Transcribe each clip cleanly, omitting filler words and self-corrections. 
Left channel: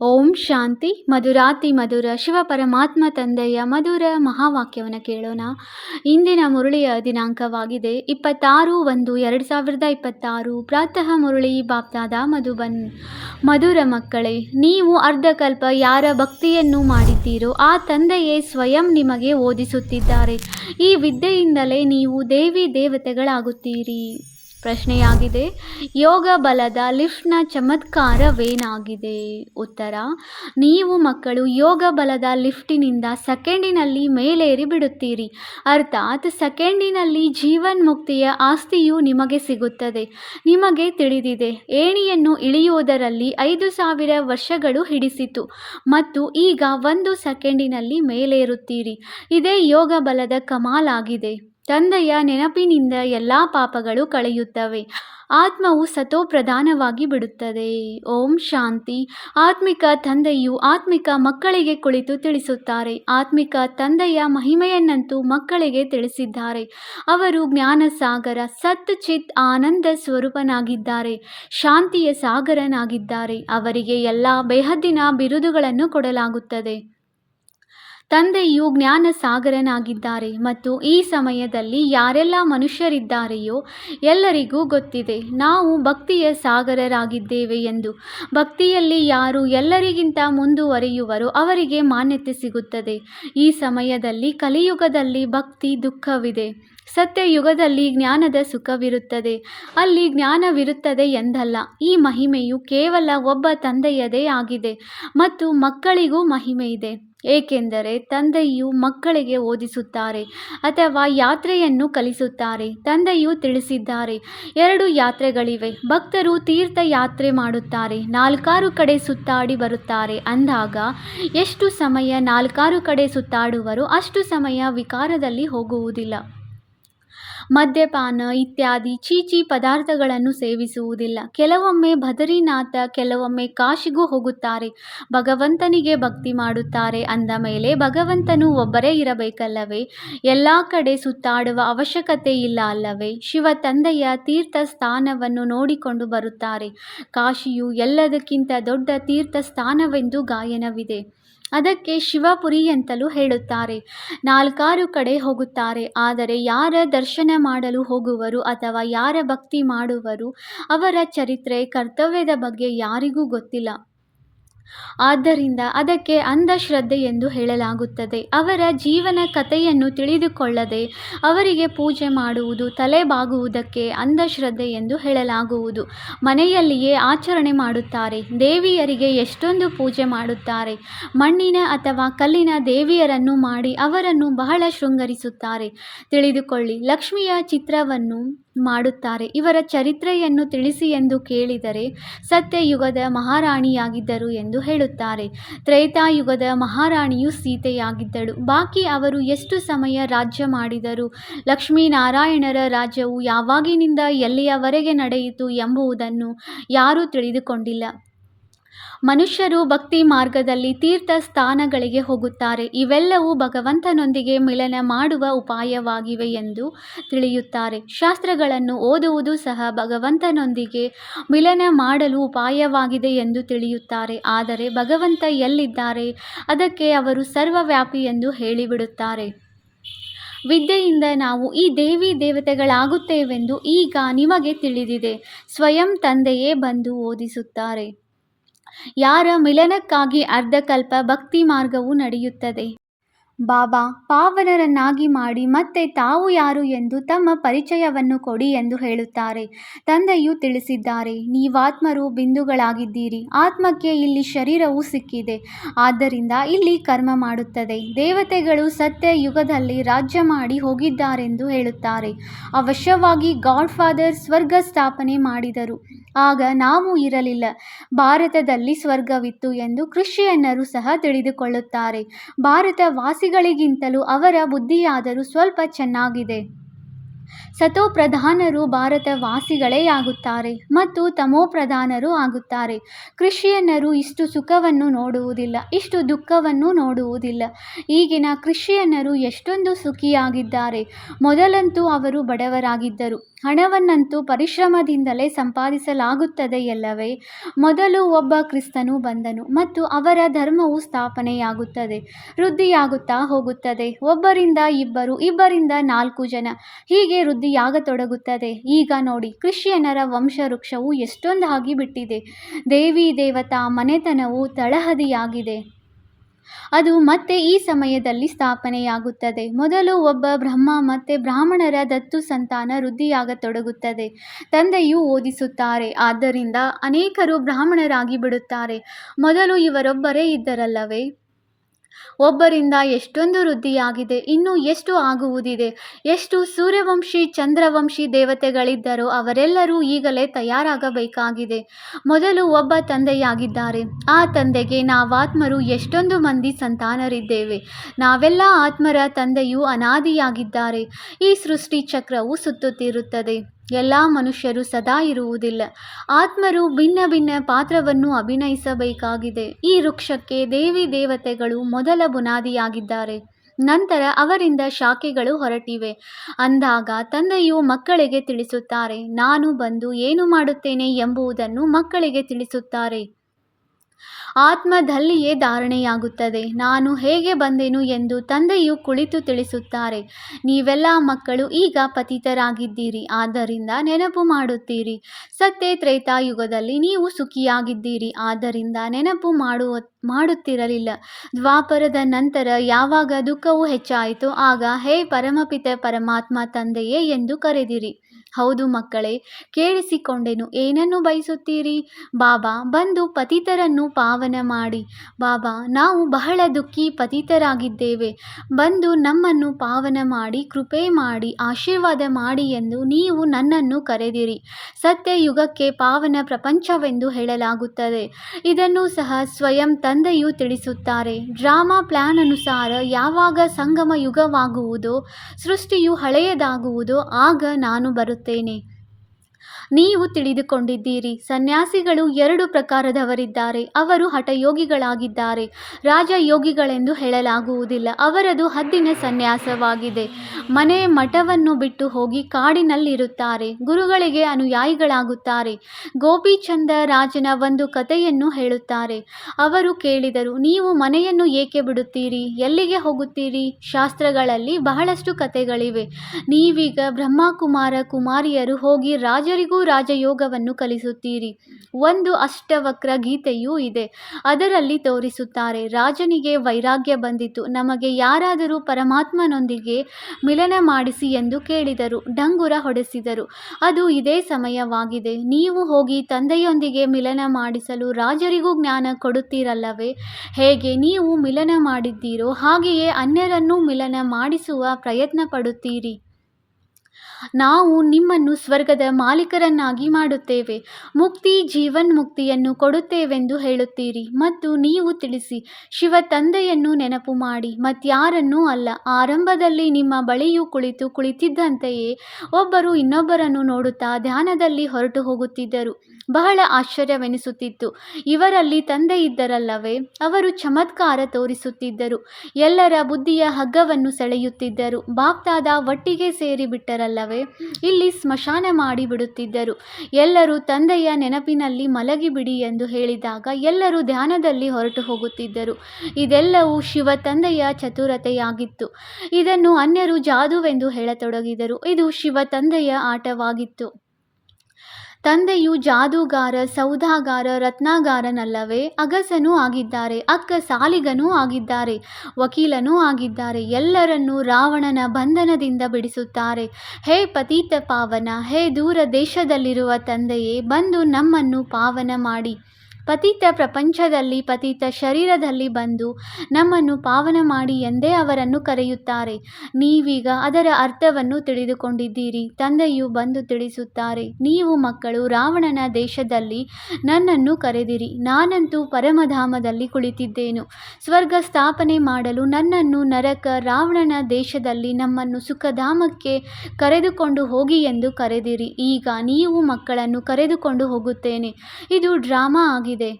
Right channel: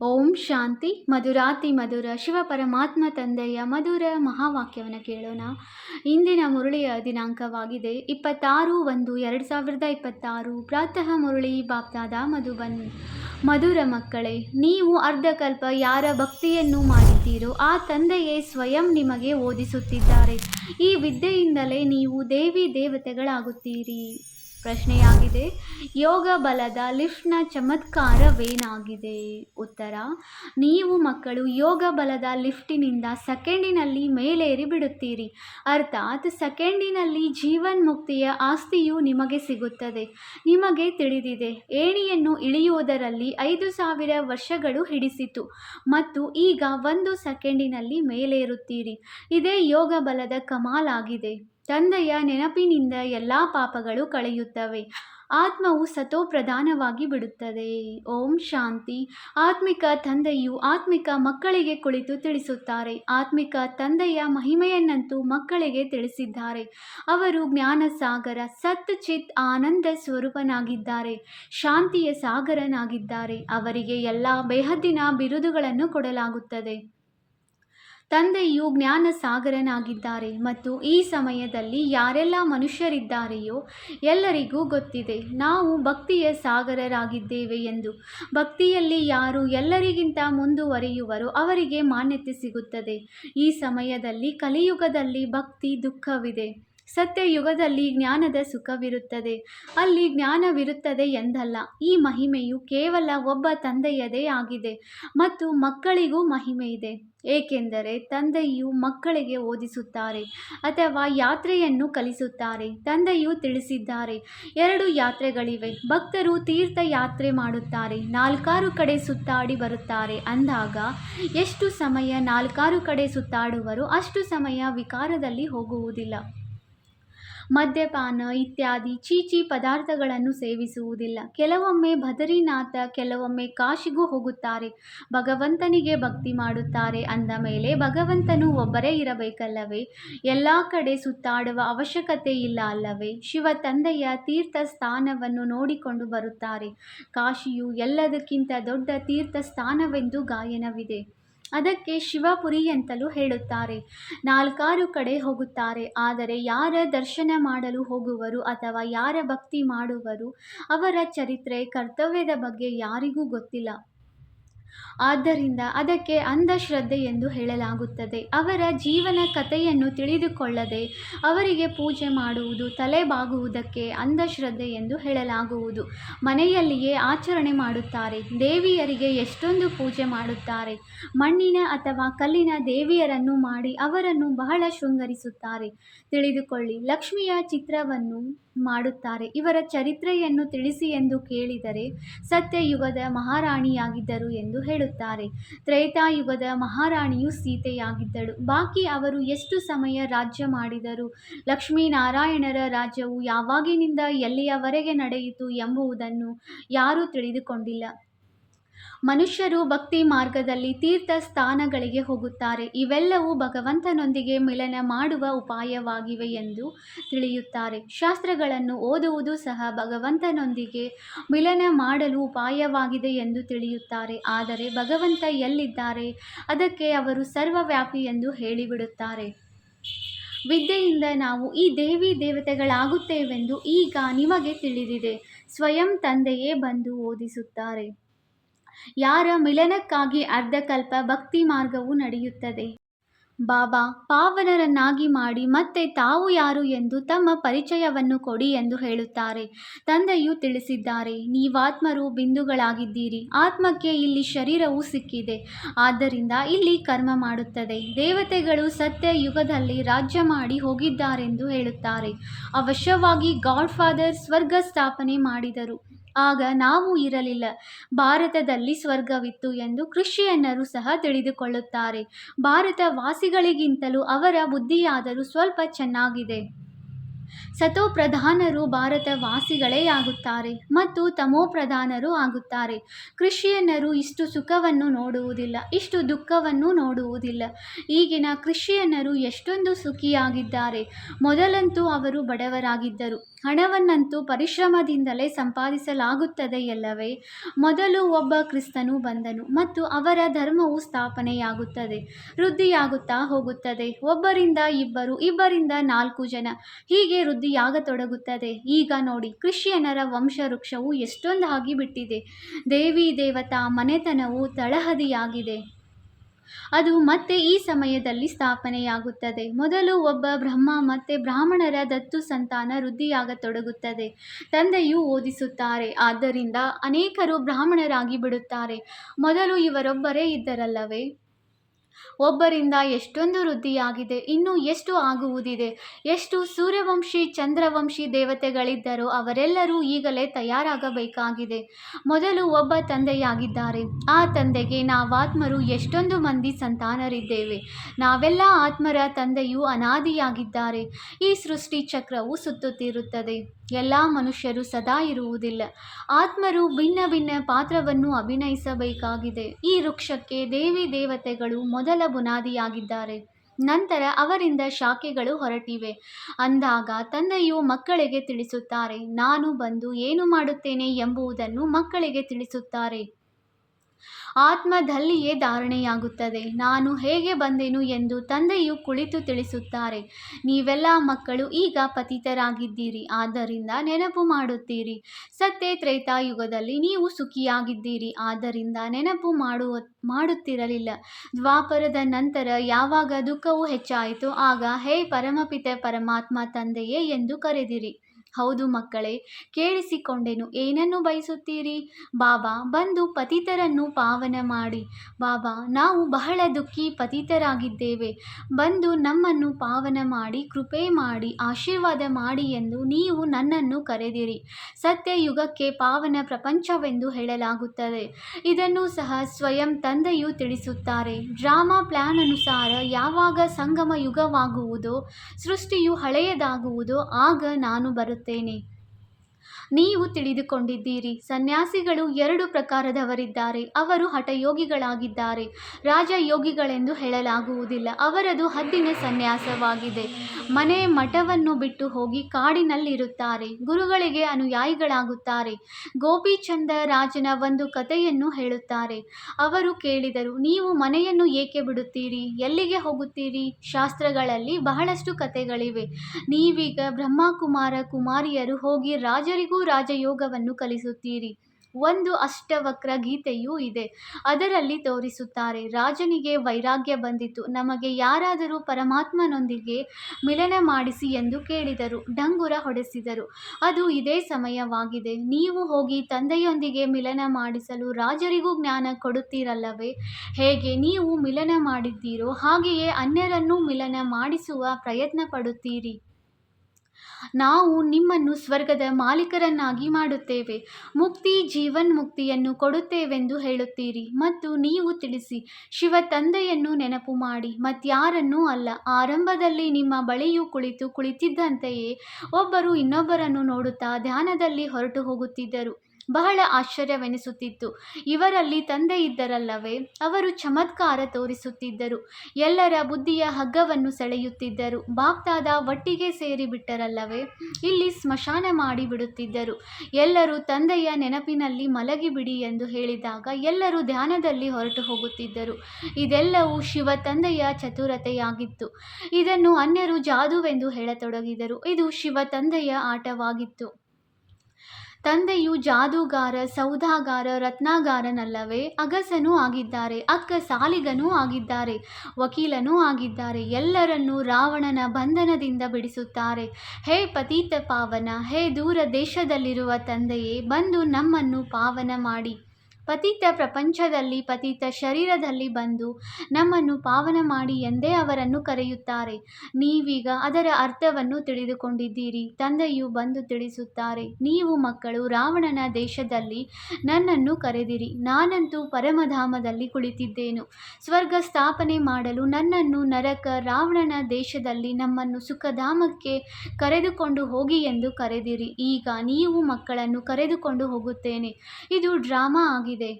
ಓಂ ಶಾಂತಿ. ಮಧುರಾತಿ ಮಧುರ ಶಿವ ಪರಮಾತ್ಮ ತಂದೆಯ ಮಧುರ ಮಹಾವಾಕ್ಯವನ್ನು ಕೇಳೋಣ. ಇಂದಿನ ಮುರಳಿಯ ದಿನಾಂಕವಾಗಿದೆ 26/1/2026. ಪ್ರಾತಃ ಮುರಳಿ ಬಾಪ್ತಾದ ಮಧುಬನ್. ಮಧುರ ಮಕ್ಕಳೇ, ನೀವು ಅರ್ಧಕಲ್ಪ ಯಾರ ಭಕ್ತಿಯನ್ನು ಮಾಡಿದ್ದೀರೋ ಆ ತಂದೆಯೇ ಸ್ವಯಂ ನಿಮಗೆ ಓದಿಸುತ್ತಿದ್ದಾರೆ. ಈ ವಿದ್ಯೆಯಿಂದಲೇ ನೀವು ದೇವಿ ದೇವತೆಗಳಾಗುತ್ತೀರಿ. ಪ್ರಶ್ನೆಯಾಗಿದೆ, ಯೋಗ ಬಲದ ಲಿಫ್ಟ್ನ ಚಮತ್ಕಾರವೇನಾಗಿದೆ? ಉತ್ತರ: ನೀವು ಮಕ್ಕಳು ಯೋಗ ಬಲದ ಲಿಫ್ಟಿನಿಂದ ಸೆಕೆಂಡಿನಲ್ಲಿ ಮೇಲೇರಿ ಬಿಡುತ್ತೀರಿ. ಅರ್ಥಾತ್ ಸೆಕೆಂಡಿನಲ್ಲಿ ಜೀವನ್ಮುಕ್ತಿಯ ಆಸ್ತಿಯು ನಿಮಗೆ ಸಿಗುತ್ತದೆ. ನಿಮಗೆ ತಿಳಿದಿದೆ, ಏಣಿಯನ್ನು ಇಳಿಯುವುದರಲ್ಲಿ 5,000 ವರ್ಷಗಳು ಹಿಡಿಸಿತು ಮತ್ತು ಈಗ 1 ಸೆಕೆಂಡಿನಲ್ಲಿ ಮೇಲೇರುತ್ತೀರಿ. ಇದೇ ಯೋಗ ಬಲದ ಕಮಾಲಾಗಿದೆ. ತಂದೆಯ ನೆನಪಿನಿಂದ ಎಲ್ಲ ಪಾಪಗಳು ಕಳೆಯುತ್ತವೆ. ಆತ್ಮವು ಸತೋಪ್ರಧಾನವಾಗಿ ಬಿಡುತ್ತದೆ. ಓಂ ಶಾಂತಿ. ಆತ್ಮಿಕ ತಂದೆಯು ಆತ್ಮಿಕ ಮಕ್ಕಳಿಗೆ ಕುಳಿತು ತಿಳಿಸುತ್ತಾರೆ. ಆತ್ಮಿಕ ತಂದೆಯ ಮಹಿಮೆಯನ್ನಂತೂ ಮಕ್ಕಳಿಗೆ ತಿಳಿಸಿದ್ದಾರೆ. ಅವರು ಜ್ಞಾನಸಾಗರ, ಸತ್ ಚಿತ್ ಆನಂದ ಸ್ವರೂಪನಾಗಿದ್ದಾರೆ, ಶಾಂತಿಯ ಸಾಗರನಾಗಿದ್ದಾರೆ. ಅವರಿಗೆ ಎಲ್ಲ ಬೇಹದ್ದಿನ ಬಿರುದುಗಳನ್ನು ಕೊಡಲಾಗುತ್ತದೆ. ತಂದೆಯು ಜ್ಞಾನ ಸಾಗರನಾಗಿದ್ದಾರೆ ಮತ್ತು ಈ ಸಮಯದಲ್ಲಿ ಯಾರೆಲ್ಲ ಮನುಷ್ಯರಿದ್ದಾರೆಯೋ ಎಲ್ಲರಿಗೂ ಗೊತ್ತಿದೆ ನಾವು ಭಕ್ತಿಯ ಸಾಗರರಾಗಿದ್ದೇವೆ ಎಂದು. ಭಕ್ತಿಯಲ್ಲಿ ಯಾರು ಎಲ್ಲರಿಗಿಂತ ಮುಂದುವರಿಯುವರೋ ಅವರಿಗೆ ಮಾನ್ಯತೆ ಸಿಗುತ್ತದೆ. ಈ ಸಮಯದಲ್ಲಿ ಕಲಿಯುಗದಲ್ಲಿ ಭಕ್ತಿ ದುಃಖವಿದೆ. ಸತ್ಯಯುಗದಲ್ಲಿ ಜ್ಞಾನದ ಸುಖವಿರುತ್ತದೆ. ಅಲ್ಲಿ ಜ್ಞಾನವಿರುತ್ತದೆ ಎಂದಲ್ಲ. ಈ ಮಹಿಮೆಯು ಕೇವಲ ಒಬ್ಬ ತಂದೆಯದೇ ಆಗಿದೆ ಮತ್ತು ಮಕ್ಕಳಿಗೂ ಮಹಿಮೆ ಇದೆ. ಏಕೆಂದರೆ ತಂದೆಯು ಮಕ್ಕಳಿಗೆ ಓದಿಸುತ್ತಾರೆ ಅಥವಾ ಯಾತ್ರೆಯನ್ನು ಕಲಿಸುತ್ತಾರೆ. ತಂದೆಯು ತಿಳಿಸಿದ್ದಾರೆ, 2 ಯಾತ್ರೆಗಳಿವೆ. ಭಕ್ತರು ತೀರ್ಥಯಾತ್ರೆ ಮಾಡುತ್ತಾರೆ, 4 ಕಡೆ ಸುತ್ತಾಡಿ ಬರುತ್ತಾರೆ. ಅಂದಾಗ ಎಷ್ಟು ಸಮಯ 4 ಕಡೆ ಸುತ್ತಾಡುವರೋ ಅಷ್ಟು ಸಮಯ ವಿಕಾರದಲ್ಲಿ ಹೋಗುವುದಿಲ್ಲ. ಮದ್ಯಪಾನ ಇತ್ಯಾದಿ ಚೀಚಿ ಪದಾರ್ಥಗಳನ್ನು ಸೇವಿಸುವುದಿಲ್ಲ. ಕೆಲವೊಮ್ಮೆ ಬದರಿನಾಥ, ಕೆಲವೊಮ್ಮೆ ಕಾಶಿಗೂ ಹೋಗುತ್ತಾರೆ. ಭಗವಂತನಿಗೆ ಭಕ್ತಿ ಮಾಡುತ್ತಾರೆ ಅಂದ ಮೇಲೆ ಭಗವಂತನು ಒಬ್ಬರೇ ಇರಬೇಕಲ್ಲವೇ? ಎಲ್ಲ ಕಡೆ ಸುತ್ತಾಡುವ ಅವಶ್ಯಕತೆ ಇಲ್ಲ ಅಲ್ಲವೇ? ಶಿವ ತಂದೆಯ ತೀರ್ಥ ಸ್ಥಾನವನ್ನು ನೋಡಿಕೊಂಡು ಬರುತ್ತಾರೆ. ಕಾಶಿಯು ಎಲ್ಲದಕ್ಕಿಂತ ದೊಡ್ಡ ತೀರ್ಥ ಸ್ಥಾನವೆಂದು ಗಾಯನವಿದೆ. ಅದಕ್ಕೆ ಶಿವಪುರಿ ಅಂತಲೂ ಹೇಳುತ್ತಾರೆ. 4 ಕಡೆ ಹೋಗುತ್ತಾರೆ. ಆದರೆ ಯಾರ ದರ್ಶನ ಮಾಡಲು ಹೋಗುವರು ಅಥವಾ ಯಾರ ಭಕ್ತಿ ಮಾಡುವರು ಅವರ ಚರಿತ್ರೆ, ಕರ್ತವ್ಯದ ಬಗ್ಗೆ ಯಾರಿಗೂ ಗೊತ್ತಿಲ್ಲ. ಆದ್ದರಿಂದ ಅದಕ್ಕೆ ಅಂಧಶ್ರದ್ಧೆ ಎಂದು ಹೇಳಲಾಗುತ್ತದೆ. ಅವರ ಜೀವನ ಕಥೆಯನ್ನು ತಿಳಿದುಕೊಳ್ಳದೆ ಅವರಿಗೆ ಪೂಜೆ ಮಾಡುವುದು, ತಲೆಬಾಗುವುದಕ್ಕೆ ಅಂಧಶ್ರದ್ಧೆ ಎಂದು ಹೇಳಲಾಗುವುದು. ಮನೆಯಲ್ಲಿಯೇ ಆಚರಣೆ ಮಾಡುತ್ತಾರೆ. ದೇವಿಯರಿಗೆ ಎಷ್ಟೊಂದು ಪೂಜೆ ಮಾಡುತ್ತಾರೆ. ಮಣ್ಣಿನ ಅಥವಾ ಕಲ್ಲಿನ ದೇವಿಯರನ್ನು ಮಾಡಿ ಅವರನ್ನು ಬಹಳ ಶೃಂಗರಿಸುತ್ತಾರೆ. ತಿಳಿದುಕೊಳ್ಳಿ, ಲಕ್ಷ್ಮಿಯ ಚಿತ್ರವನ್ನು ಮಾಡುತ್ತಾರೆ. ಇವರ ಚರಿತ್ರೆಯನ್ನು ತಿಳಿಸಿ ಎಂದು ಕೇಳಿದರೆ ಸತ್ಯಯುಗದ ಮಹಾರಾಣಿಯಾಗಿದ್ದರು ಎಂದು ಹೇಳುತ್ತಾರೆ. ತ್ರೇತಾಯುಗದ ಮಹಾರಾಣಿಯು ಸೀತೆಯಾಗಿದ್ದಳು. ಬಾಕಿ ಅವರು ಎಷ್ಟು ಸಮಯ ರಾಜ್ಯ ಮಾಡಿದರು? ಲಕ್ಷ್ಮೀನಾರಾಯಣರ ರಾಜ್ಯವು ಯಾವಾಗಿನಿಂದ ಎಲ್ಲಿಯವರೆಗೆ ನಡೆಯಿತು ಎಂಬುದನ್ನು ಯಾರೂ ತಿಳಿದುಕೊಂಡಿಲ್ಲ. ಮನುಷ್ಯರು ಭಕ್ತಿ ಮಾರ್ಗದಲ್ಲಿ ತೀರ್ಥ ಸ್ಥಾನಗಳಿಗೆ ಹೋಗುತ್ತಾರೆ. ಇವೆಲ್ಲವೂ ಭಗವಂತನೊಂದಿಗೆ ಮಿಲನ ಮಾಡುವ ಉಪಾಯವಾಗಿವೆ ಎಂದು ತಿಳಿಯುತ್ತಾರೆ. ಶಾಸ್ತ್ರಗಳನ್ನು ಓದುವುದು ಸಹ ಭಗವಂತನೊಂದಿಗೆ ಮಿಲನ ಮಾಡಲು ಉಪಾಯವಾಗಿದೆ ಎಂದು ತಿಳಿಯುತ್ತಾರೆ. ಆದರೆ ಭಗವಂತ ಎಲ್ಲಿದ್ದಾರೆ? ಅದಕ್ಕೆ ಅವರು ಸರ್ವವ್ಯಾಪಿ ಎಂದು ಹೇಳಿಬಿಡುತ್ತಾರೆ. ವಿದ್ಯೆಯಿಂದ ನಾವು ಈ ದೇವಿ ದೇವತೆಗಳಾಗುತ್ತೇವೆಂದು ಈಗ ನಿಮಗೆ ತಿಳಿದಿದೆ. ಸ್ವಯಂ ತಂದೆಯೇ ಬಂದು ಓದಿಸುತ್ತಾರೆ. ಯಾರ ಮಿಲನಕ್ಕಾಗಿ ಅರ್ಧಕಲ್ಪ ಭಕ್ತಿ ಮಾರ್ಗವು ನಡೆಯುತ್ತದೆ. ಬಾಬಾ ಪಾವನರನ್ನಾಗಿ ಮಾಡಿ ಮತ್ತೆ ತಾವು ಯಾರು ಎಂದು ತಮ್ಮ ಪರಿಚಯವನ್ನು ಕೊಡಿ ಎಂದು ಹೇಳುತ್ತಾರೆ. ತಂದೆಯು ತಿಳಿಸಿದ್ದಾರೆ, ನೀವಾತ್ಮರು ಬಿಂದುಗಳಾಗಿದ್ದೀರಿ. ಆತ್ಮಕ್ಕೆ ಇಲ್ಲಿ ಶರೀರವು ಸಿಕ್ಕಿದೆ, ಆದ್ದರಿಂದ ಇಲ್ಲಿ ಕರ್ಮ ಮಾಡುತ್ತದೆ. ದೇವತೆಗಳು ಸತ್ಯ ಯುಗದಲ್ಲಿ ರಾಜ್ಯ ಮಾಡಿ ಹೋಗಿದ್ದಾರೆಂದು ಹೇಳುತ್ತಾರೆ. ಅವಶ್ಯವಾಗಿ ಗಾಡ್ ಫಾದರ್ ಸ್ವರ್ಗ ಸ್ಥಾಪನೆ ಮಾಡಿದರು. ಆಗ ನಾವು ಇರಲಿಲ್ಲ. ಭಾರತದಲ್ಲಿ ಸ್ವರ್ಗವಿತ್ತು ಎಂದು ಕ್ರಿಶ್ಚಿಯನ್ನರು ಸಹ ತಿಳಿದುಕೊಳ್ಳುತ್ತಾರೆ. ಭಾರತ ವಾಸಿಗಳಿಗಿಂತಲೂ ಅವರ ಬುದ್ಧಿಯಾದರೂ ಸ್ವಲ್ಪ ಚೆನ್ನಾಗಿದೆ. ಸತೋಪ್ರಧಾನರು ಭಾರತವಾಸಿಗಳೇ ಆಗುತ್ತಾರೆ ಮತ್ತು ತಮೋಪ್ರಧಾನರು ಆಗುತ್ತಾರೆ. ಕ್ರಿಶ್ಚಿಯನ್ನರು ಇಷ್ಟು ಸುಖವನ್ನು ನೋಡುವುದಿಲ್ಲ, ಇಷ್ಟು ದುಃಖವನ್ನು ನೋಡುವುದಿಲ್ಲ. ಈಗಿನ ಕ್ರಿಶ್ಚಿಯನ್ನರು ಎಷ್ಟೊಂದು ಸುಖಿಯಾಗಿದ್ದಾರೆ. ಮೊದಲಂತೂ ಅವರು ಬಡವರಾಗಿದ್ದರು. ಹಣವನ್ನಂತೂ ಪರಿಶ್ರಮದಿಂದಲೇ ಸಂಪಾದಿಸಲಾಗುತ್ತದೆಯಲ್ಲವೇ? ಮೊದಲು ಒಬ್ಬ ಕ್ರಿಸ್ತನು ಬಂದನು ಮತ್ತು ಅವರ ಧರ್ಮವು ಸ್ಥಾಪನೆಯಾಗುತ್ತದೆ, ವೃದ್ಧಿಯಾಗುತ್ತಾ ಹೋಗುತ್ತದೆ. ಒಬ್ಬರಿಂದ ಇಬ್ಬರು, ಇಬ್ಬರಿಂದ 4 ಜನ, ಹೀಗೆ ವೃದ್ಧಿಯಾಗತೊಡಗುತ್ತದೆ. ಈಗ ನೋಡಿ, ಕ್ರಿಶ್ಚಿಯನ್ನರ ವಂಶವೃಕ್ಷವು ಎಷ್ಟೊಂದಾಗಿ ಬಿಟ್ಟಿದೆ. ದೇವಿ ದೇವತಾ ಮನೆತನವು ತಳಹದಿಯಾಗಿದೆ. ಅದು ಮತ್ತೆ ಈ ಸಮಯದಲ್ಲಿ ಸ್ಥಾಪನೆಯಾಗುತ್ತದೆ. ಮೊದಲು ಒಬ್ಬ ಬ್ರಹ್ಮ ಮತ್ತೆ ಬ್ರಾಹ್ಮಣರ ದತ್ತು ಸಂತಾನ ವೃದ್ಧಿಯಾಗತೊಡಗುತ್ತದೆ. ತಂದೆಯು ಓದಿಸುತ್ತಾರೆ, ಆದ್ದರಿಂದ ಅನೇಕರು ಬ್ರಾಹ್ಮಣರಾಗಿ ಬಿಡುತ್ತಾರೆ. ಮೊದಲು ಇವರೊಬ್ಬರೇ ಇದ್ದರಲ್ಲವೇ? ಒಬ್ಬರಿಂದ ಎಷ್ಟೊಂದು ವೃದ್ಧಿಯಾಗಿದೆ, ಇನ್ನೂ ಎಷ್ಟು ಆಗುವುದಿದೆ. ಎಷ್ಟು ಸೂರ್ಯವಂಶಿ ಚಂದ್ರವಂಶಿ ದೇವತೆಗಳಿದ್ದರೋ ಅವರೆಲ್ಲರೂ ಈಗಲೇ ತಯಾರಾಗಬೇಕಾಗಿದೆ. ಮೊದಲು ಒಬ್ಬ ತಂದೆಯಾಗಿದ್ದಾರೆ. ಆ ತಂದೆಗೆ ನಾವಾತ್ಮರು ಎಷ್ಟೊಂದು ಮಂದಿ ಸಂತಾನರಿದ್ದೇವೆ. ನಾವೆಲ್ಲ ಆತ್ಮರ ತಂದೆಯು ಅನಾದಿಯಾಗಿದ್ದಾರೆ. ಈ ಸೃಷ್ಟಿ ಚಕ್ರವು ಸುತ್ತುತ್ತಿರುತ್ತದೆ. ಎಲ್ಲ ಮನುಷ್ಯರು ಸದಾ ಇರುವುದಿಲ್ಲ. ಆತ್ಮರು ಭಿನ್ನ ಭಿನ್ನ ಪಾತ್ರವನ್ನು ಅಭಿನಯಿಸಬೇಕಾಗಿದೆ. ಈ ವೃಕ್ಷಕ್ಕೆ ದೇವಿ ದೇವತೆಗಳು ಮೊದಲ ಬುನಾದಿಯಾಗಿದ್ದಾರೆ. ನಂತರ ಅವರಿಂದ ಶಾಖೆಗಳು ಹೊರಟಿವೆ. ಅಂದಾಗ ತಂದೆಯು ಮಕ್ಕಳಿಗೆ ತಿಳಿಸುತ್ತಾರೆ. ನಾನು ಬಂದು ಏನು ಮಾಡುತ್ತೇನೆ ಎಂಬುದನ್ನು ಮಕ್ಕಳಿಗೆ ತಿಳಿಸುತ್ತಾರೆ. ಆತ್ಮದಲ್ಲಿಯೇ ಧಾರಣೆಯಾಗುತ್ತದೆ. ನಾನು ಹೇಗೆ ಬಂದೆನು ಎಂದು ತಂದೆಯು ಕುಳಿತು ತಿಳಿಸುತ್ತಾರೆ. ನೀವೆಲ್ಲ ಮಕ್ಕಳು ಈಗ ಪತಿತರಾಗಿದ್ದೀರಿ, ಆದ್ದರಿಂದ ನೆನಪು ಮಾಡುತ್ತೀರಿ. ಸತ್ಯ ತ್ರೇತಾಯುಗದಲ್ಲಿ ನೀವು ಸುಖಿಯಾಗಿದ್ದೀರಿ, ಆದ್ದರಿಂದ ನೆನಪು ಮಾಡುತ್ತಿರಲಿಲ್ಲ. ದ್ವಾಪರದ ನಂತರ ಯಾವಾಗ ದುಃಖವು ಹೆಚ್ಚಾಯಿತೋ ಆಗ ಹೇ ಪರಮಪಿತ ಪರಮಾತ್ಮ ತಂದೆಯೇ ಎಂದು ಕರೆದಿರಿ. ಹೌದು ಮಕ್ಕಳೇ, ಕೇಳಿಸಿಕೊಂಡೆನು. ಏನನ್ನು ಬಯಸುತ್ತೀರಿ? ಬಾಬಾ, ಬಂದು ಪತಿತರನ್ನು ಪಾವನ ಮಾಡಿ. ಬಾಬಾ, ನಾವು ಬಹಳ ದುಃಖಿ ಪತಿತರಾಗಿದ್ದೇವೆ. ಬಂದು ನಮ್ಮನ್ನು ಪಾವನ ಮಾಡಿ, ಕೃಪೆ ಮಾಡಿ, ಆಶೀರ್ವಾದ ಮಾಡಿ ಎಂದು ನೀವು ನನ್ನನ್ನು ಕರೆದಿರಿ. ಸತ್ಯಯುಗಕ್ಕೆ ಪಾವನ ಪ್ರಪಂಚವೆಂದು ಹೇಳಲಾಗುತ್ತದೆ. ಇದನ್ನು ಸಹ ಸ್ವಯಂ ತಂದೆಯು ತಿಳಿಸುತ್ತಾರೆ. ಡ್ರಾಮಾ ಪ್ಲಾನ್ ಅನುಸಾರ ಯಾವಾಗ ಸಂಗಮ ಯುಗವಾಗುವುದೋ, ಸೃಷ್ಟಿಯು ಹಳೆಯದಾಗುವುದೋ ಆಗ ನಾನು ಬರುತ್ತೇನೆ. ನೀವು ತಿಳಿದುಕೊಂಡಿದ್ದೀರಿ. ಸನ್ಯಾಸಿಗಳು 2 ಪ್ರಕಾರದವರಿದ್ದಾರೆ. ಅವರು ಹಠಯೋಗಿಗಳಾಗಿದ್ದಾರೆ. ರಾಜಯೋಗಿಗಳೆಂದು ಹೇಳಲಾಗುವುದಿಲ್ಲ. ಅವರದು ಹದ್ದಿನ ಸನ್ಯಾಸವಾಗಿದೆ. ಮನೆ ಮಠವನ್ನು ಬಿಟ್ಟು ಹೋಗಿ ಕಾಡಿನಲ್ಲಿರುತ್ತಾರೆ. ಗುರುಗಳಿಗೆ ಅನುಯಾಯಿಗಳಾಗುತ್ತಾರೆ. ಗೋಪಿಚಂದ ರಾಜನ ಒಂದು ಕಥೆಯನ್ನು ಹೇಳುತ್ತಾರೆ. ಅವರು ಕೇಳಿದರು, ನೀವು ಮನೆಯನ್ನು ಏಕೆ ಬಿಡುತ್ತೀರಿ? ಎಲ್ಲಿಗೆ ಹೋಗುತ್ತೀರಿ? ಶಾಸ್ತ್ರಗಳಲ್ಲಿ ಬಹಳಷ್ಟು ಕಥೆಗಳಿವೆ. ನೀವೀಗ ಬ್ರಹ್ಮಕುಮಾರ ಕುಮಾರಿಯರು ಹೋಗಿ ರಾಜರಿಗೂ ರಾಜಯೋಗವನ್ನು ಕಲಿಸುತ್ತೀರಿ. ಒಂದು ಅಷ್ಟವಕ್ರ ಗೀತೆಯೂ ಇದೆ. ಅದರಲ್ಲಿ ತೋರಿಸುತ್ತಾರೆ. ರಾಜನಿಗೆ ವೈರಾಗ್ಯ ಬಂದಿತು. ನಮಗೆ ಯಾರಾದರೂ ಪರಮಾತ್ಮನೊಂದಿಗೆ ಮಿಲನ ಮಾಡಿಸಿ ಎಂದು ಕೇಳಿದರು. ಡಂಗುರ ಹೊಡೆಸಿದರು. ಅದು ಇದೇ ಸಮಯವಾಗಿದೆ. ನೀವು ಹೋಗಿ ತಂದೆಯೊಂದಿಗೆ ಮಿಲನ ಮಾಡಿಸಲು ರಾಜರಿಗೂ ಜ್ಞಾನ ಕೊಡುತ್ತೀರಲ್ಲವೇ? ಹೇಗೆ ನೀವು ಮಿಲನ ಮಾಡಿದ್ದೀರೋ ಹಾಗೆಯೇ ಅನ್ಯರನ್ನೂ ಮಿಲನ ಮಾಡಿಸುವ ಪ್ರಯತ್ನ ಪಡುತ್ತೀರಿ. ನಾವು ನಿಮ್ಮನ್ನು ಸ್ವರ್ಗದ ಮಾಲೀಕರನ್ನಾಗಿ ಮಾಡುತ್ತೇವೆ, ಮುಕ್ತಿ ಜೀವನ್ಮುಕ್ತಿಯನ್ನು ಕೊಡುತ್ತೇವೆಂದು ಹೇಳುತ್ತೀರಿ. ಮತ್ತು ನೀವು ತಿಳಿಸಿ, ಶಿವ ತಂದೆಯನ್ನು ನೆನಪು ಮಾಡಿ, ಮತ್ಯಾರನ್ನೂ ಅಲ್ಲ. ಆರಂಭದಲ್ಲಿ ನಿಮ್ಮ ಬಳಿಯೂ ಕುಳಿತಿದ್ದಂತೆಯೇ ಒಬ್ಬರು ಇನ್ನೊಬ್ಬರನ್ನು ನೋಡುತ್ತಾ ಧ್ಯಾನದಲ್ಲಿ ಹೊರಟು ಹೋಗುತ್ತಿದ್ದರು. ಬಹಳ ಆಶ್ಚರ್ಯವೆನಿಸುತ್ತಿತ್ತು. ಇವರಲ್ಲಿ ತಂದೆ ಇದ್ದರಲ್ಲವೇ? ಅವರು ಚಮತ್ಕಾರ ತೋರಿಸುತ್ತಿದ್ದರು. ಎಲ್ಲರ ಬುದ್ಧಿಯ ಹಗ್ಗವನ್ನು ಸೆಳೆಯುತ್ತಿದ್ದರು. ಬಾಪ್ದಾದ ಒಟ್ಟಿಗೆ ಸೇರಿಬಿಟ್ಟರಲ್ಲವೇ? ಇಲ್ಲಿ ಸ್ಮಶಾನ ಮಾಡಿ ಬಿಡುತ್ತಿದ್ದರು. ಎಲ್ಲರೂ ತಂದೆಯ ನೆನಪಿನಲ್ಲಿ ಮಲಗಿಬಿಡಿ ಎಂದು ಹೇಳಿದಾಗ ಎಲ್ಲರೂ ಧ್ಯಾನದಲ್ಲಿ ಹೊರಟು ಹೋಗುತ್ತಿದ್ದರು. ಇದೆಲ್ಲವೂ ಶಿವ ತಂದೆಯ ಚತುರತೆಯಾಗಿತ್ತು. ಇದನ್ನು ಅನ್ಯರು ಜಾದುವೆಂದು ಹೇಳತೊಡಗಿದರು. ಇದು ಶಿವ ತಂದೆಯ ಆಟವಾಗಿತ್ತು. ತಂದೆಯು ಜಾದೂಗಾರ, ಸೌದಾಗಾರ, ರತ್ನಾಗಾರನಲ್ಲವೇ? ಅಗಸನೂ ಆಗಿದ್ದಾರೆ, ಅಕ್ಕ ಸಾಲಿಗನೂ ಆಗಿದ್ದಾರೆ, ವಕೀಲನೂ ಆಗಿದ್ದಾರೆ. ಎಲ್ಲರನ್ನೂ ರಾವಣನ ಬಂಧನದಿಂದ ಬಿಡಿಸುತ್ತಾರೆ. ಹೇ ಪತೀತ ಪಾವನ, ಹೇ ದೂರ ದೇಶದಲ್ಲಿರುವ ತಂದೆಯೇ, ಬಂದು ನಮ್ಮನ್ನು ಪಾವನ ಮಾಡಿ. ಪತಿತ ಪ್ರಪಂಚದಲ್ಲಿ ಪತಿತ ಶರೀರದಲ್ಲಿ ಬಂದು ನಮ್ಮನ್ನು ಪಾವನ ಮಾಡಿ ಎಂದೇ ಅವರನ್ನು ಕರೆಯುತ್ತಾರೆ. ನೀವೀಗ ಅದರ ಅರ್ಥವನ್ನು ತಿಳಿದುಕೊಂಡಿದ್ದೀರಿ. ತಂದೆಯು ಬಂದು ತಿಳಿಸುತ್ತಾರೆ, ನೀವು ಮಕ್ಕಳು ರಾವಣನ ದೇಶದಲ್ಲಿ ನನ್ನನ್ನು ಕರೆದಿರಿ. ನಾನಂತೂ ಪರಮಧಾಮದಲ್ಲಿ ಕುಳಿತಿದ್ದೇನು. ಸ್ವರ್ಗ ಸ್ಥಾಪನೆ ಮಾಡಲು ನನ್ನನ್ನು ನರಕ ರಾವಣನ ದೇಶದಲ್ಲಿ ನಮ್ಮನ್ನು ಸುಖಧಾಮಕ್ಕೆ ಕರೆದುಕೊಂಡು ಹೋಗಿ ಎಂದು ಕರೆದಿರಿ. ಈಗ ನೀವು ಮಕ್ಕಳನ್ನು ಕರೆದುಕೊಂಡು ಹೋಗುತ್ತೇನೆ. ಇದು ಡ್ರಾಮಾ ಆಗಿದೆ.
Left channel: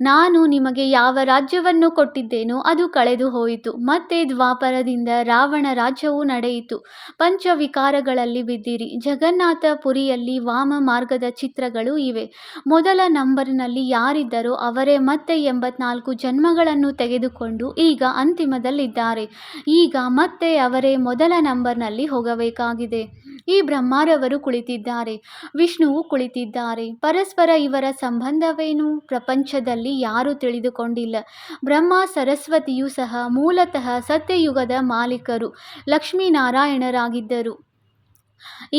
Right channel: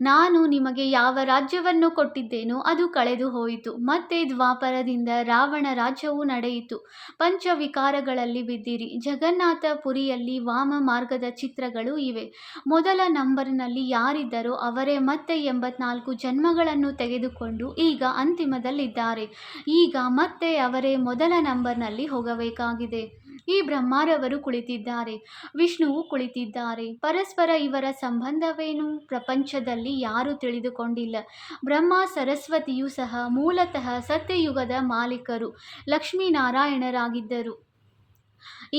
ನಾನು ನಿಮಗೆ ಯಾವ ರಾಜ್ಯವನ್ನು ಕೊಟ್ಟಿದ್ದೇನೋ ಅದು ಕಳೆದು ಹೋಯಿತು. ಮತ್ತೆ ದ್ವಾಪರದಿಂದ ರಾವಣ ರಾಜ್ಯವು ನಡೆಯಿತು. ಪಂಚವಿಕಾರಗಳಲ್ಲಿ ಬಿದ್ದಿರಿ. ಜಗನ್ನಾಥ ಪುರಿಯಲ್ಲಿ ವಾಮ ಮಾರ್ಗದ ಚಿತ್ರಗಳು ಇವೆ. ಮೊದಲ ನಂಬರ್ನಲ್ಲಿ ಯಾರಿದ್ದರೋ ಅವರೇ ಮತ್ತೆ 84 ಜನ್ಮಗಳನ್ನು ತೆಗೆದುಕೊಂಡು ಈಗ ಅಂತಿಮದಲ್ಲಿದ್ದಾರೆ. ಈಗ ಮತ್ತೆ ಅವರೇ ಮೊದಲ ನಂಬರ್ನಲ್ಲಿ ಹೋಗಬೇಕಾಗಿದೆ. ಈ ಬ್ರಹ್ಮರವರು ಕುಳಿತಿದ್ದಾರೆ, ವಿಷ್ಣುವು ಕುಳಿತಿದ್ದಾರೆ. ಪರಸ್ಪರ ಇವರ ಸಂಬಂಧವೇನು? ಪ್ರಪಂಚದಲ್ಲಿ ಯಾರೂ ತಿಳಿದುಕೊಂಡಿಲ್ಲ. ಬ್ರಹ್ಮ ಸರಸ್ವತಿಯೂ ಸಹ ಮೂಲತಃ ಸತ್ಯಯುಗದ ಮಾಲೀಕರು ಲಕ್ಷ್ಮೀನಾರಾಯಣರಾಗಿದ್ದರು.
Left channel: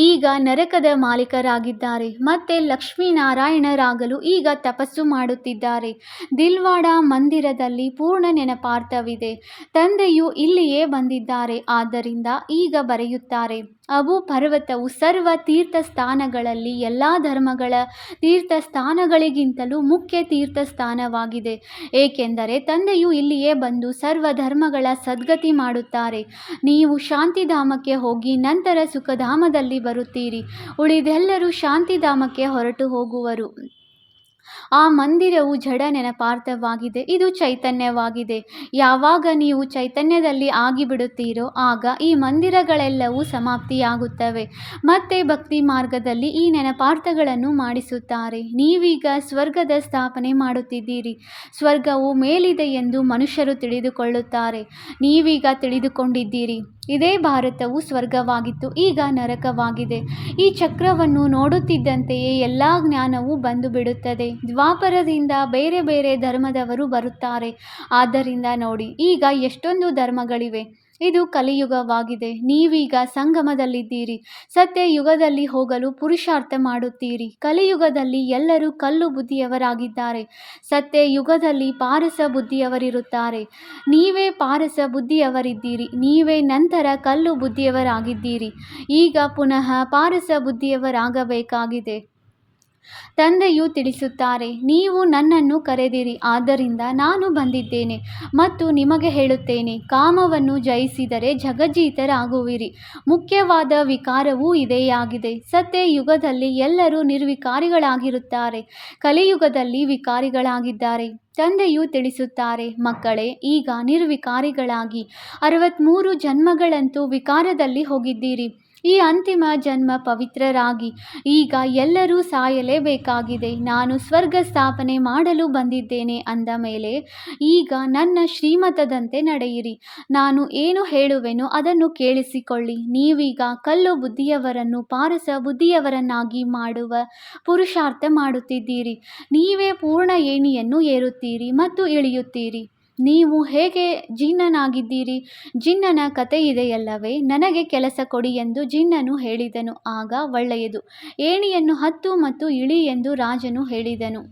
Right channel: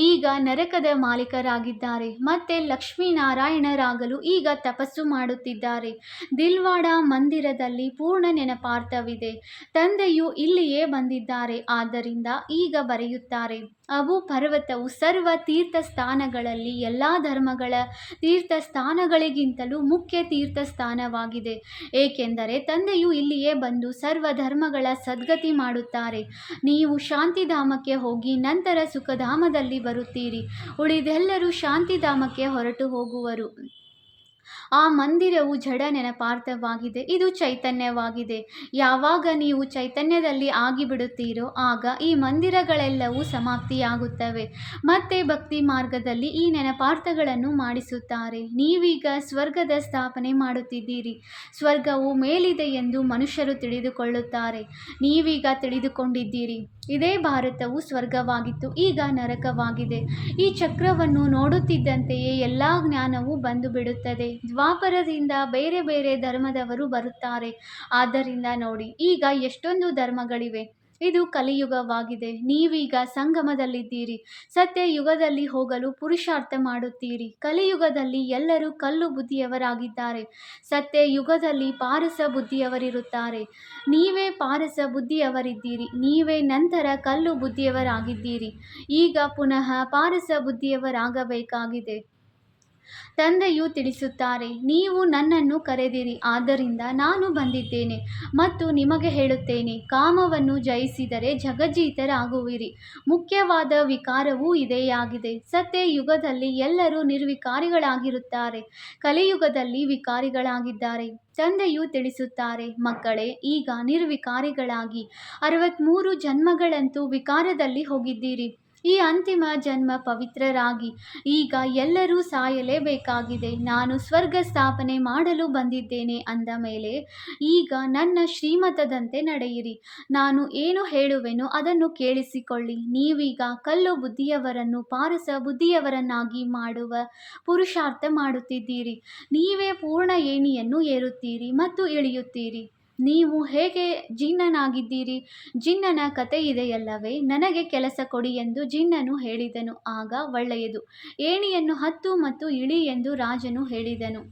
ಈಗ ನರಕದ ಮಾಲೀಕರಾಗಿದ್ದಾರೆ. ಮತ್ತೆ ಲಕ್ಷ್ಮೀನಾರಾಯಣರಾಗಲು ಈಗ ತಪಸ್ಸು ಮಾಡುತ್ತಿದ್ದಾರೆ. ದಿಲ್ವಾಡ ಮಂದಿರದಲ್ಲಿ ಪೂರ್ಣ ನೆನಪಾರ್ಥವಿದೆ. ತಂದೆಯು ಇಲ್ಲಿಯೇ ಬಂದಿದ್ದಾರೆ. ಆದ್ದರಿಂದ ಈಗ ಬರೆಯುತ್ತಾರೆ, ಅಬು ಪರ್ವತವು ಸರ್ವ ತೀರ್ಥಸ್ಥಾನಗಳಲ್ಲಿ ಎಲ್ಲ ಧರ್ಮಗಳ ತೀರ್ಥಸ್ಥಾನಗಳಿಗಿಂತಲೂ ಮುಖ್ಯ ತೀರ್ಥಸ್ಥಾನವಾಗಿದೆ. ಏಕೆಂದರೆ ತಂದೆಯು ಇಲ್ಲಿಯೇ ಬಂದು ಸರ್ವ ಧರ್ಮಗಳ ಸದ್ಗತಿ ಮಾಡುತ್ತಾರೆ. ನೀವು ಶಾಂತಿಧಾಮಕ್ಕೆ ಹೋಗಿ ನಂತರ ಸುಖಧಾಮದಲ್ಲಿ ಬರುತ್ತೀರಿ. ಉಳಿದೆಲ್ಲರೂ ಶಾಂತಿಧಾಮಕ್ಕೆ ಹೊರಟು ಹೋಗುವರು. ಆ ಮಂದಿರವು ಜಡ ನೆನಪಾರ್ಥವಾಗಿದೆ. ಇದು ಚೈತನ್ಯವಾಗಿದೆ. ಯಾವಾಗ ನೀವು ಚೈತನ್ಯದಲ್ಲಿ ಆಗಿಬಿಡುತ್ತೀರೋ ಆಗ ಈ ಮಂದಿರಗಳೆಲ್ಲವೂ ಸಮಾಪ್ತಿಯಾಗುತ್ತವೆ. ಮತ್ತೆ ಭಕ್ತಿ ಮಾರ್ಗದಲ್ಲಿ ಈ ನೆನಪಾರ್ಥಗಳನ್ನು ಮಾಡಿಸುತ್ತಾರೆ. ನೀವೀಗ ಸ್ವರ್ಗದ ಸ್ಥಾಪನೆ ಮಾಡುತ್ತಿದ್ದೀರಿ. ಸ್ವರ್ಗವು ಮೇಲಿದೆ ಎಂದು ಮನುಷ್ಯರು ತಿಳಿದುಕೊಳ್ಳುತ್ತಾರೆ. ನೀವೀಗ ತಿಳಿದುಕೊಂಡಿದ್ದೀರಿ, ಇದೇ ಭಾರತವು ಸ್ವರ್ಗವಾಗಿತ್ತು, ಈಗ ನರಕವಾಗಿದೆ. ಈ ಚಕ್ರವನ್ನು ನೋಡುತ್ತಿದ್ದಂತೆಯೇ ಎಲ್ಲ ಜ್ಞಾನವೂ ಬಂದು ಬಿಡುತ್ತದೆ. ದ್ವಾಪರದಿಂದ ಬೇರೆ ಬೇರೆ ಧರ್ಮದವರು ಬರುತ್ತಾರೆ. ಆದ್ದರಿಂದ ನೋಡಿ, ಈಗ ಎಷ್ಟೊಂದು ಧರ್ಮಗಳಿವೆ. ಇದು ಕಲಿಯುಗವಾಗಿದೆ. ನೀವೀಗ ಸಂಗಮದಲ್ಲಿದ್ದೀರಿ. ಸತ್ಯಯುಗದಲ್ಲಿ ಹೋಗಲು ಪುರುಷಾರ್ಥ ಮಾಡುತ್ತೀರಿ. ಕಲಿಯುಗದಲ್ಲಿ ಎಲ್ಲರೂ ಕಲ್ಲು ಬುದ್ಧಿಯವರಾಗಿದ್ದಾರೆ. ಸತ್ಯಯುಗದಲ್ಲಿ ಪಾರಸ ಬುದ್ಧಿಯವರಿರುತ್ತಾರೆ. ನೀವೇ ಪಾರಸ ಬುದ್ಧಿಯವರಿದ್ದೀರಿ. ನೀವೇ ನಂತರ ಕಲ್ಲು ಬುದ್ಧಿಯವರಾಗಿದ್ದೀರಿ. ಈಗ ಪುನಃ ಪಾರಸ ಬುದ್ಧಿಯವರಾಗಬೇಕಾಗಿದೆ. ತಂದೆಯು ತಿಳಿಸುತ್ತಾರೆ, ನೀವು ನನ್ನನ್ನು ಕರೆದಿರಿ, ಆದ್ದರಿಂದ ನಾನು ಬಂದಿದ್ದೇನೆ ಮತ್ತು ನಿಮಗೆ ಹೇಳುತ್ತೇನೆ, ಕಾಮವನ್ನು ಜಯಿಸಿದರೆ ಜಗಜ್ಜೀತರಾಗುವಿರಿ. ಮುಖ್ಯವಾದ ವಿಕಾರವೂ ಇದೇಯಾಗಿದೆ. ಸತ್ಯಯುಗದಲ್ಲಿ ಎಲ್ಲರೂ ನಿರ್ವಿಕಾರಿಗಳಾಗಿರುತ್ತಾರೆ. ಕಲಿಯುಗದಲ್ಲಿ ವಿಕಾರಿಗಳಾಗಿದ್ದಾರೆ. ತಂದೆಯು ತಿಳಿಸುತ್ತಾರೆ, ಮಕ್ಕಳೇ, ಈಗ ನಿರ್ವಿಕಾರಿಗಳಾಗಿ 63 ಜನ್ಮಗಳಂತೂ ವಿಕಾರದಲ್ಲಿ ಹೋಗಿದ್ದೀರಿ. ಈ ಅಂತಿಮ ಜನ್ಮ ಪವಿತ್ರರಾಗಿ. ಈಗ ಎಲ್ಲರೂ ಸಾಯಲೇಬೇಕಾಗಿದೆ. ನಾನು ಸ್ವರ್ಗ ಸ್ಥಾಪನೆ ಮಾಡಲು ಬಂದಿದ್ದೇನೆ ಅಂದ ಮೇಲೆ ಈಗ ನನ್ನ ಶ್ರೀಮತದಂತೆ ನಡೆಯಿರಿ. ನಾನು ಏನು ಹೇಳುವೆನೋ ಅದನ್ನು ಕೇಳಿಸಿಕೊಳ್ಳಿ. ನೀವೀಗ ಕಲ್ಲು ಬುದ್ಧಿಯವರನ್ನು ಪಾರಸ ಬುದ್ಧಿಯವರನ್ನಾಗಿ ಮಾಡುವ ಪುರುಷಾರ್ಥ ಮಾಡುತ್ತಿದ್ದೀರಿ. ನೀವೇ ಪೂರ್ಣ ಏಣಿಯನ್ನು ಏರುತ್ತೀರಿ ಮತ್ತು ಇಳಿಯುತ್ತೀರಿ. ನೀವು ಹೇಗೆ ಜಿನ್ನನಾಗಿದ್ದೀರಿ? ಜಿನ್ನನ ಕಥೆಯಿದೆಯಲ್ಲವೇ? ನನಗೆ ಕೆಲಸ ಕೊಡಿ ಎಂದು ಜಿನ್ನನು ಹೇಳಿದನು. ಆಗ ಒಳ್ಳೆಯದು, ಏಣಿಯನ್ನು ಹತ್ತು ಮತ್ತು ಇಳಿ ಎಂದು ರಾಜನು ಹೇಳಿದನು.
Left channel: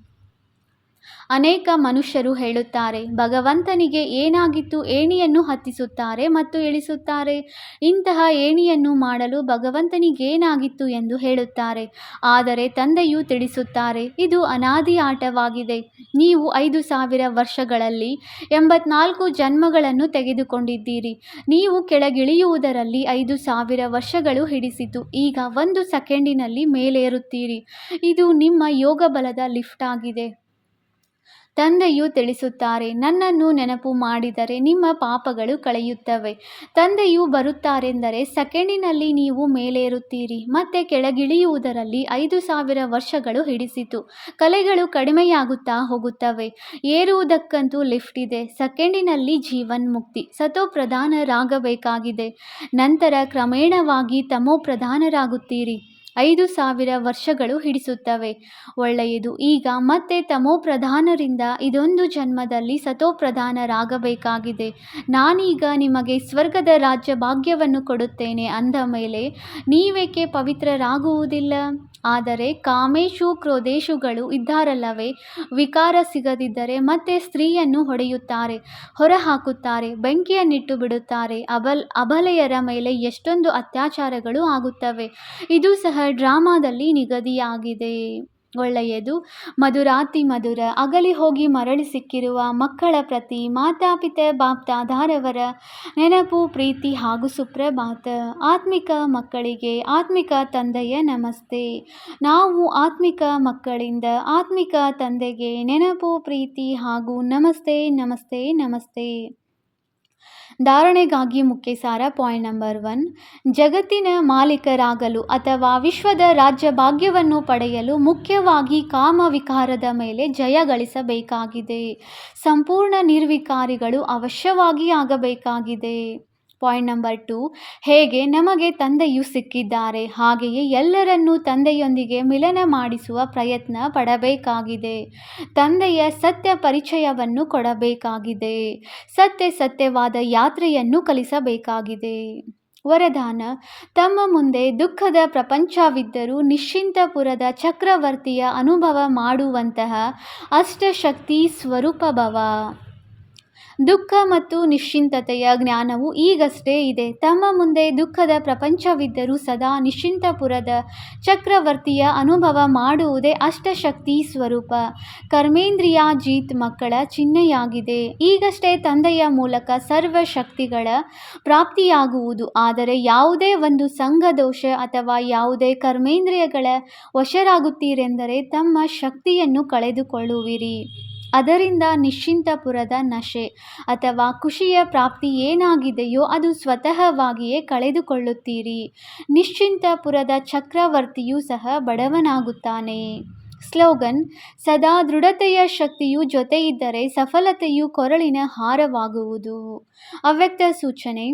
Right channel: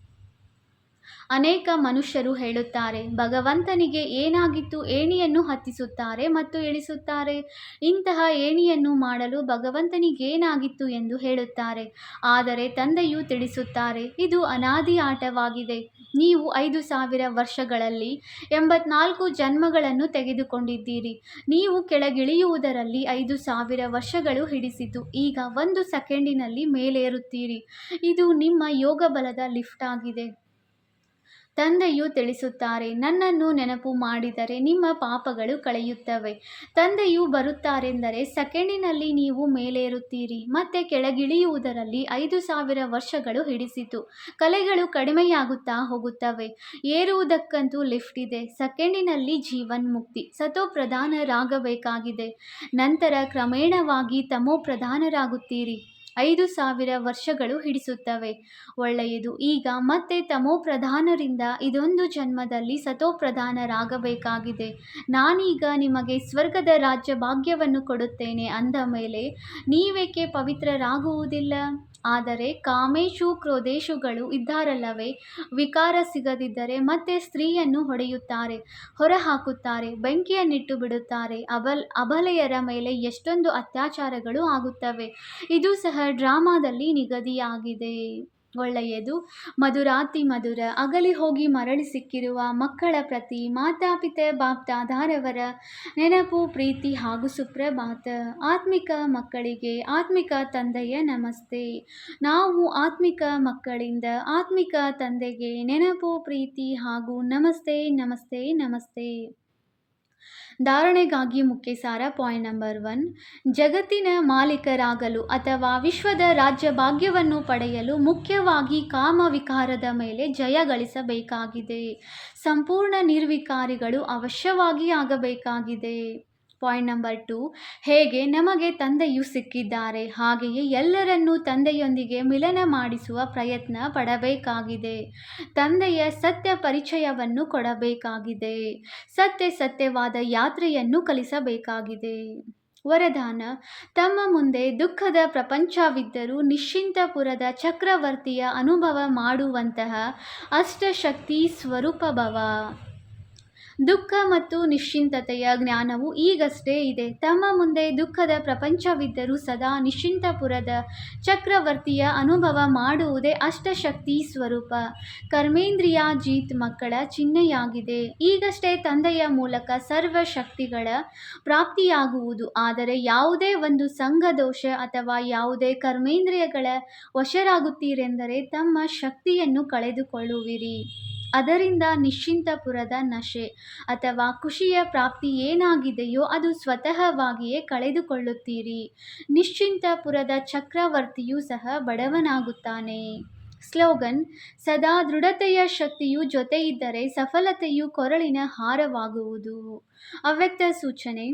ಅನೇಕ ಮನುಷ್ಯರು ಹೇಳುತ್ತಾರೆ, ಭಗವಂತನಿಗೆ ಏನಾಗಿತ್ತು? ಏಣಿಯನ್ನು ಹತ್ತಿಸುತ್ತಾರೆ ಮತ್ತು ಇಳಿಸುತ್ತಾರೆ. ಇಂತಹ ಏಣಿಯನ್ನು ಮಾಡಲು ಭಗವಂತನಿಗೇನಾಗಿತ್ತು ಎಂದು ಹೇಳುತ್ತಾರೆ. ಆದರೆ ತಂದೆಯು ತಿಳಿಸುತ್ತಾರೆ, ಇದು ಅನಾದಿ ಆಟವಾಗಿದೆ. ನೀವು 5000 ವರ್ಷಗಳಲ್ಲಿ 84 ಜನ್ಮಗಳನ್ನು ತೆಗೆದುಕೊಂಡಿದ್ದೀರಿ. ನೀವು ಕೆಳಗಿಳಿಯುವುದರಲ್ಲಿ 5000 ವರ್ಷಗಳು ಹಿಡಿಸಿತು. ಈಗ 1 ಸೆಕೆಂಡಿನಲ್ಲಿ ಮೇಲೇರುತ್ತೀರಿ. ಇದು ನಿಮ್ಮ ಯೋಗ ಬಲದ ಲಿಫ್ಟ್ ಆಗಿದೆ. ತಂದೆಯು ತಿಳಿಸುತ್ತಾರೆ, ನನ್ನನ್ನು ನೆನಪು ಮಾಡಿದರೆ ನಿಮ್ಮ ಪಾಪಗಳು ಕಳೆಯುತ್ತವೆ. ತಂದೆಯು ಬರುತ್ತಾರೆಂದರೆ ಸೆಕೆಂಡಿನಲ್ಲಿ ನೀವು ಮೇಲೇರುತ್ತೀರಿ. ಮತ್ತೆ ಕೆಳಗಿಳಿಯುವುದರಲ್ಲಿ 5000 ವರ್ಷಗಳು ಹಿಡಿಸಿತು. ಕಲೆಗಳು ಕಡಿಮೆಯಾಗುತ್ತಾ ಹೋಗುತ್ತವೆ. ಏರುವುದಕ್ಕಂತೂ ಲಿಫ್ಟ್ ಇದೆ. ಸೆಕೆಂಡಿನಲ್ಲಿ ಜೀವನ್ಮುಕ್ತಿ. ಸತೋಪ್ರಧಾನರಾಗಬೇಕಾಗಿದೆ. ನಂತರ ಕ್ರಮೇಣವಾಗಿ ತಮೋಪ್ರಧಾನರಾಗುತ್ತೀರಿ. 5,000 ವರ್ಷಗಳು ಹಿಡಿಸುತ್ತವೆ. ಒಳ್ಳೆಯದು. ಈಗ ಮತ್ತೆ ತಮೋಪ್ರಧಾನರಿಂದ ಇದೊಂದು ಜನ್ಮದಲ್ಲಿ ಸತೋಪ್ರಧಾನರಾಗಬೇಕಾಗಿದೆ. ನಾನೀಗ ನಿಮಗೆ ಸ್ವರ್ಗದ ರಾಜ್ಯ ಭಾಗ್ಯವನ್ನು ಕೊಡುತ್ತೇನೆ ಅಂದ ಮೇಲೆ ನೀವೇಕೆ ಪವಿತ್ರರಾಗುವುದಿಲ್ಲ? ಆದರೆ ಕಾಮೇಶು ಕ್ರೋಧೇಶುಗಳು ಇದ್ದಾರಲ್ಲವೇ, ವಿಕಾರ ಸಿಗದಿದ್ದರೆ ಮತ್ತೆ ಸ್ತ್ರೀಯನ್ನು ಹೊಡೆಯುತ್ತಾರೆ, ಹೊರಹಾಕುತ್ತಾರೆ, ಬೆಂಕಿಯನ್ನಿಟ್ಟು ಬಿಡುತ್ತಾರೆ. ಅಬಲೆಯರ ಮೇಲೆ ಎಷ್ಟೊಂದು ಅತ್ಯಾಚಾರಗಳು ಆಗುತ್ತವೆ. ಇದು ಸಹ ಡ್ರಾಮಾದಲ್ಲಿ ನಿಗದಿಯಾಗಿದೆ. ಒಳ್ಳೆಯದು. ಮಧುರಾತಿ ಮಧುರ. ಅಗಲಿ ಹೋಗಿ ಮರಳಿ ಸಿಕ್ಕಿರುವ ಮಕ್ಕಳ ಪ್ರತಿ ಮಾತಾಪಿತೆ ಬಾಪ್ದಾದಾರವರ ನೆನಪು, ಪ್ರೀತಿ ಹಾಗೂ ಸುಪ್ರಭಾತ. ಆತ್ಮಿಕ ಮಕ್ಕಳಿಗೆ ಆತ್ಮಿಕ ತಂದೆಯ ನಮಸ್ತೆ. ನಾವು ಆತ್ಮಿಕ ಮಕ್ಕಳಿಂದ ಆತ್ಮಿಕ ತಂದೆಗೆ ನೆನಪು, ಪ್ರೀತಿ ಹಾಗೂ ನಮಸ್ತೆ ನಮಸ್ತೆ ನಮಸ್ತೆ. ಧಾರಣೆಗಾಗಿ ಮುಖ್ಯ ಸಾರ. ಪಾಯಿಂಟ್ ನಂಬರ್ 1, ಜಗತ್ತಿನ ಮಾಲೀಕರಾಗಲು ಅಥವಾ ವಿಶ್ವದ ರಾಜ್ಯ ಭಾಗ್ಯವನ್ನು ಪಡೆಯಲು ಮುಖ್ಯವಾಗಿ ಕಾಮ ವಿಕಾರದ ಮೇಲೆ ಜಯ ಗಳಿಸಬೇಕಾಗಿದೆ. ಸಂಪೂರ್ಣ ನಿರ್ವಿಕಾರಿಗಳು ಅವಶ್ಯವಾಗಿ ಆಗಬೇಕಾಗಿದೆ. ಪಾಯಿಂಟ್ ನಂಬರ್ 2, ಹೇಗೆ ನಮಗೆ ತಂದೆಯು ಸಿಕ್ಕಿದ್ದಾರೆ ಹಾಗೆಯೇ ಎಲ್ಲರನ್ನೂ ತಂದೆಯೊಂದಿಗೆ ಮಿಲನ ಮಾಡಿಸುವ ಪ್ರಯತ್ನ ಪಡಬೇಕಾಗಿದೆ. ತಂದೆಯ ಸತ್ಯ ಪರಿಚಯವನ್ನು ಕೊಡಬೇಕಾಗಿದೆ. ಸತ್ಯವಾದ ಯಾತ್ರೆಯನ್ನು ಕಲಿಸಬೇಕಾಗಿದೆ. ವರದಾನ. ತಮ್ಮ ಮುಂದೆ ದುಃಖದ ಪ್ರಪಂಚವಿದ್ದರೂ ನಿಶ್ಚಿಂತಪುರದ ಚಕ್ರವರ್ತಿಯ ಅನುಭವ ಮಾಡುವಂತಹ ಅಷ್ಟಶಕ್ತಿ ಸ್ವರೂಪ ಭವ. ದುಃಖ ಮತ್ತು ನಿಶ್ಚಿಂತತೆಯ ಜ್ಞಾನವು ಈಗಷ್ಟೇ ಇದೆ. ತಮ್ಮ ಮುಂದೆ ದುಃಖದ ಪ್ರಪಂಚವಿದ್ದರೂ ಸದಾ ನಿಶ್ಚಿಂತಪುರದ ಚಕ್ರವರ್ತಿಯ ಅನುಭವ ಮಾಡುವುದೇ ಅಷ್ಟಶಕ್ತಿ ಸ್ವರೂಪ. ಕರ್ಮೇಂದ್ರಿಯಾಜೀತ್ ಮಕ್ಕಳ ಚಿಹ್ನೆಯಾಗಿದೆ. ಈಗಷ್ಟೇ ತಂದೆಯ ಮೂಲಕ ಸರ್ವ ಶಕ್ತಿಗಳ ಪ್ರಾಪ್ತಿಯಾಗುವುದು. ಆದರೆ ಯಾವುದೇ ಒಂದು ಸಂಘದೋಷ ಅಥವಾ ಯಾವುದೇ ಕರ್ಮೇಂದ್ರಿಯಗಳ ವಶರಾಗುತ್ತೀರೆಂದರೆ ತಮ್ಮ ಶಕ್ತಿಯನ್ನು ಕಳೆದುಕೊಳ್ಳುವಿರಿ. ಅದರಿಂದ ನಿಶ್ಚಿಂತಪುರದ ನಶೆ ಅಥವಾ ಖುಷಿಯ ಪ್ರಾಪ್ತಿ ಏನಾಗಿದೆಯೋ ಅದು ಸ್ವತಃವಾಗಿಯೇ ಕಳೆದುಕೊಳ್ಳುತ್ತೀರಿ. ನಿಶ್ಚಿಂತಪುರದ ಚಕ್ರವರ್ತಿಯೂ ಸಹ ಬಡವನಾಗುತ್ತಾನೆ. ಸ್ಲೋಗನ್. ಸದಾ ದೃಢತೆಯ ಶಕ್ತಿಯು ಜೊತೆಯಿದ್ದರೆ ಸಫಲತೆಯು ಕೊರಳಿನ ಹಾರವಾಗುವುದು. ಅವ್ಯಕ್ತ ಸೂಚನೆ.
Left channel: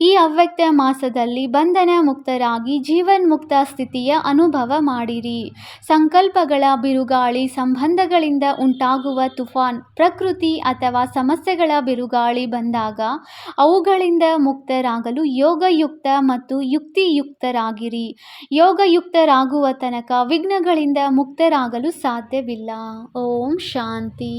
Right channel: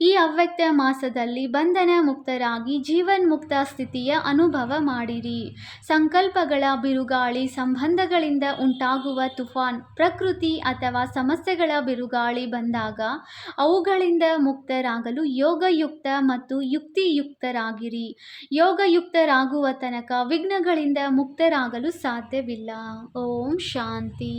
ಈ ಅವ್ಯಕ್ತ ಮಾಸದಲ್ಲಿ ಬಂಧನ ಮುಕ್ತರಾಗಿ ಜೀವನ್ಮುಕ್ತ ಸ್ಥಿತಿಯ ಅನುಭವ ಮಾಡಿರಿ. ಸಂಕಲ್ಪಗಳ ಬಿರುಗಾಳಿ, ಸಂಬಂಧಗಳಿಂದ ಉಂಟಾಗುವ ತುಫಾನ್, ಪ್ರಕೃತಿ ಅಥವಾ ಸಮಸ್ಯೆಗಳ ಬಿರುಗಾಳಿ ಬಂದಾಗ ಅವುಗಳಿಂದ ಮುಕ್ತರಾಗಲು ಯೋಗಯುಕ್ತ ಮತ್ತು ಯುಕ್ತಿಯುಕ್ತರಾಗಿರಿ. ಯೋಗಯುಕ್ತರಾಗುವ ತನಕ ವಿಘ್ನಗಳಿಂದ ಮುಕ್ತರಾಗಲು ಸಾಧ್ಯವಿಲ್ಲ. ಓಂ ಶಾಂತಿ.